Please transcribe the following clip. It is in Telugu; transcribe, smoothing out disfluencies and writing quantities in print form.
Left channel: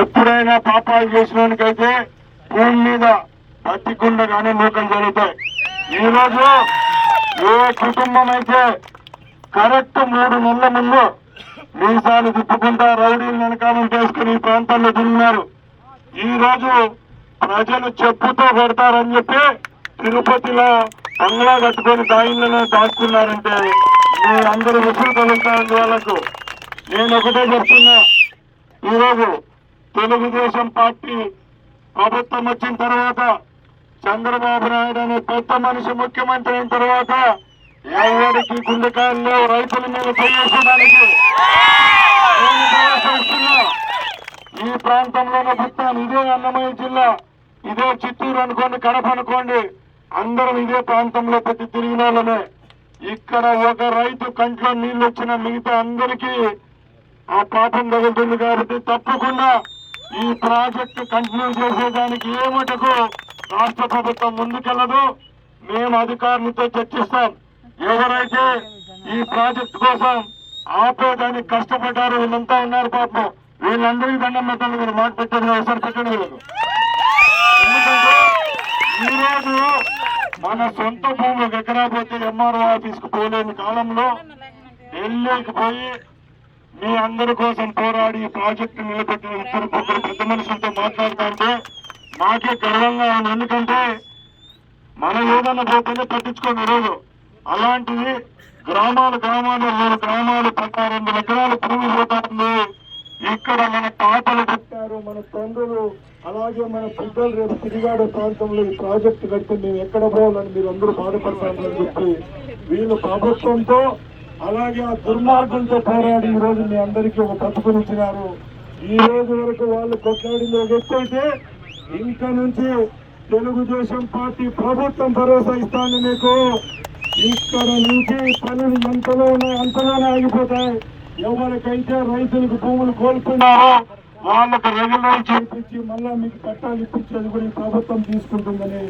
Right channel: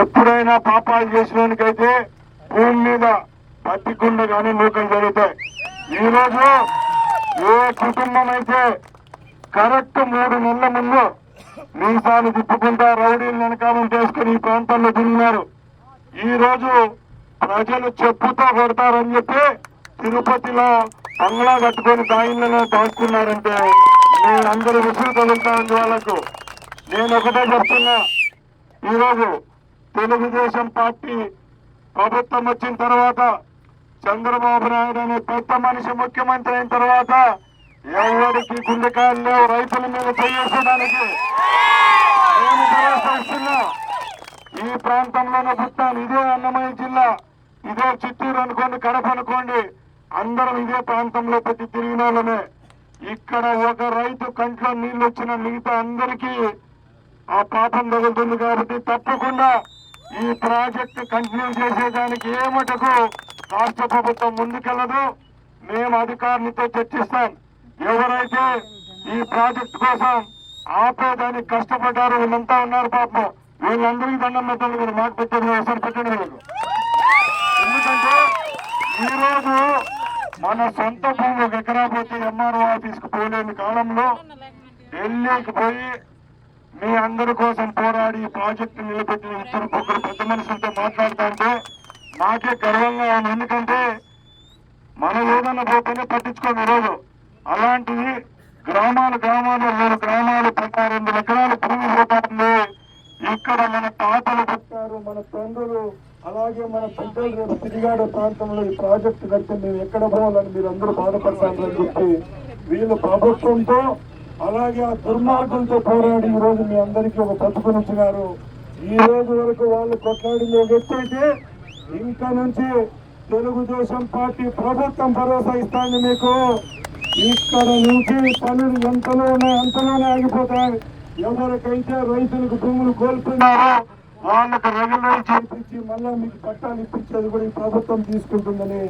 ఎప్పుడైనా పాపాలు చేసినోనికైతే భూమి మీద పత్తికుండగానే నూకలు జరుగుతాయి. ఈ రోజు ఏ కుటుంబం అయితే కరెక్ట్ 3 నెలల ముందు మీసాలు తిప్పుకుంటా రౌడీలు వెనకాలం చేసుకుని ఈ ప్రాంతాల్లో తిరిగినారు. ఈ రోజు ప్రజలు చెప్పుతో కొడతారని చెప్పి తిరుపతిలో బంగ్లా కట్టుకొని దాయిలను దాక్కున్నారంటే మీ అందరూ రుసులు తగులుతారండి వాళ్ళకు. నేను ఒకటే చెప్తున్నా, ఈరోజు తెలుగుదేశం పార్టీ ప్రభుత్వం వచ్చిన తర్వాత చంద్రబాబు నాయుడు అనే పెద్ద మనిషి ముఖ్యమంత్రి అయిన తర్వాత ఎవరికి గుండెకాయలు లేవు రైతుల మీద చేయేసడానికి. నేను భరోసా ఈ ప్రాంతంలోనే పుట్టాను. ఇదే అన్నమయ్య జిల్లా, ఇదే చిత్తూరు అనుకోండి, కడప అనుకోండి, అందరం ఇదే ప్రాంతంలో పెట్టి తిరిగిన వాళ్ళమే. ఇక్కడ ఒక రైతు కంట్లో నీళ్లు వచ్చిన మిగతా అందరికీ ఆ పాపం తగులుతుంది. కాబట్టి తప్పకుండా ఈ ప్రాజెక్టు కంటిన్యూ చేసేదానికి ఏ మటుకు రాష్ట్ర ప్రభుత్వం ముందుకెళ్లదు. మేము అధికారులతో చర్చిస్తాం. ఎవరైతే ఈ ప్రాజెక్టు కోసం ఆపేదానికి కష్టపడ్డారు వీళ్ళంతా ఉన్నారు పాపం, వీళ్ళందరికీ దండం పెట్టండి. మీరు మాట పెట్టండి, ఒకసారి పెట్టండి వీళ్ళకు. ఎందుకంటే ఈరోజు మన సొంత భూమి 1 ఎకరా పోతే ఎంఆర్ఓ ఆఫీస్కు పోలేని కాలంలో ఢిల్లీకి పోయి మీ అందరి కోసం పోరాడి ఈ ప్రాజెక్టు నిలబెట్టిన ఇద్దరు పెద్ద మనుషులతో మాట్లాడుతూ ఉంటే మాకే గర్వంగా ఉంది. ఎందుకంటే మనం ఏదన్నా పోతేనే పట్టించుకోండి. రోజు అలాంటివి గ్రామాలు 12 ఎకరాల భూమి పోతారు. ఇక్కడ మన తాతలు పుట్టారు, మన తండ్రులు, అలాగే మన పెద్దలు రేపు తిరిగాడు ప్రాంతంలో ఈ ప్రాజెక్టు కడితే మేము ఎక్కడ పోవాలని మీరు అందరూ బాధపడతారని చెప్పి వీళ్ళు ప్రభుత్వంతో అలాగే ఆ దుర్మార్గంతో పోరాడి ఈ రోజు మీ అందరికీ ఒక బతుకునిచ్చినారు. ఈ రోజు వరకు వాళ్ళు కొట్లాడింది ఒక ఎత్తు అయితే ఇంకా నుంచి తెలుగుదేశం పార్టీ ప్రభుత్వం భరోసా ఇస్తాను మీకు. ఇక్కడ నుంచి పనులు ఎంతలో ఉన్నాయి అంతలోనే ఆగిపోతాయి. ఎవరికైతే రైతులకు భూములు కోల్పోయినారో వాళ్ళకు రెగ్యులర్ చేయించి మళ్ళా మీకు పట్టాలు ఇప్పించేది కూడా ఈ ప్రభుత్వం తీసుకుంటుందని